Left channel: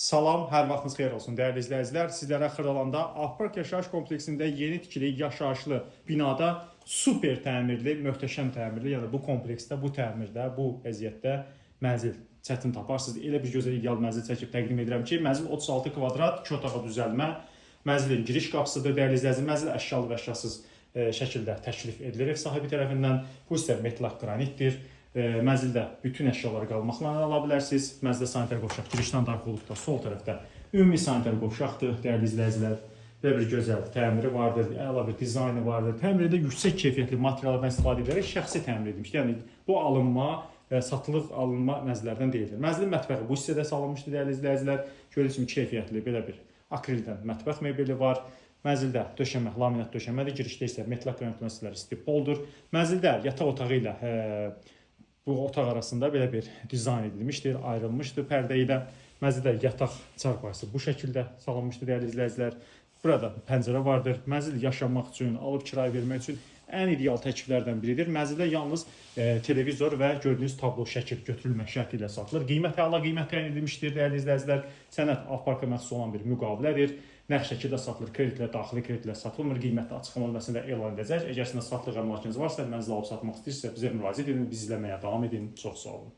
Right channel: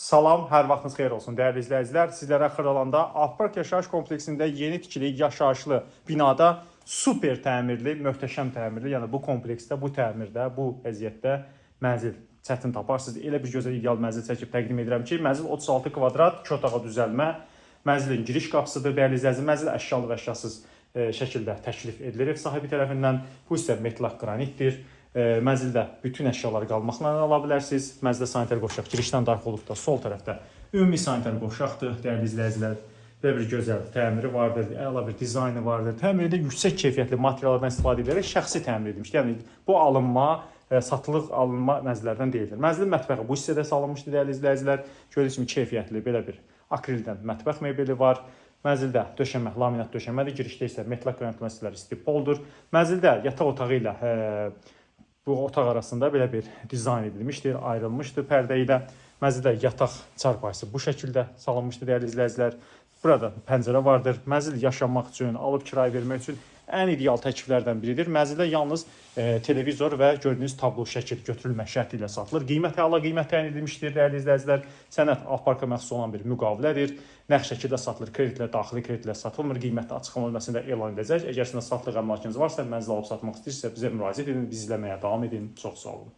Salam, hər vaxtınız xeyir olsun dəyərli izləyicilər. Sizlərə Xırdalanda Akpark yaşayış kompleksində yeni tikili yaşayışlı binada super təmirli, möhtəşəm təmirli, yəni bu kompleksdə, bu təmirdə, bu vəziyyətdə mənzil çətin taparsınız. Elə bir gözəl ideal mənzil çəkib təqdim edirəm ki, mənzil 36 kvadrat, 2 otağa düzəlmə, mənzilin giriş qapısıdır dəyərli izləyicilər. Mənzil əşyalı və əşyasız şəkildə təklif edilir ev sahibi tərəfindən. Bu isə metlaq qranitdir. Mənzildə bütün əşyaları qalmaqla ala bilərsiniz. Mənzildə sanitar qovşaq girişdən daxil olub da sol tərəfdə ümumi sanitar qovşaqdır dəyərli izləyicilər. Belə bir gözəl təmiri vardır, əla bir dizaynı vardır. Təmirdə yüksək keyfiyyətli materiallardan istifadə edilərək şəxsi təmir edilmişdir. Yəni bu alınma, satılıq alınma mənzillərdən deyildir. Mənzilin mətbəxi bu hissədə salınmışdır dəyərli izləyicilər. Gördüyünüz kimi keyfiyyətli belə bir akrildən mətbəx mebeli var. Mənzildə döşəmə, laminat döşəmədir. Girişdə isə metlaq qranit məsələləri stipoldur. Mənzildə yataq otağı ilə bu otaq arasında belə bir dizayn edilmişdir, ayrılmışdır pərdə ilə. Mənzildə yataq çarpayısı bu şəkildə salınmışdır dəyərli izləyicilər. Burada pəncərə vardır. Mənzil yaşamaq üçün, alıb kirayə vermək üçün ən ideal təkliflərdən biridir. Mənzildə yalnız televizor və gördüyünüz tablo şəkil götürülmə şərti ilə satılır. Qiymət əla qiymət təyin edilmişdir dəyərli izləyicilər. Sənəd Akparka məxsus olan bir müqavilədir. Nağd şəkildə satılır, kreditlər, daxili kreditlər satılmır. Qiyməti açıqlama bölməsində elan edəcək. Əgər sizin satılıq əmlakınız varsa, mənzil alıb satmaq istəyirsə bizə müraciət edin, biz izləməyə davam edin. Çox sağ olun.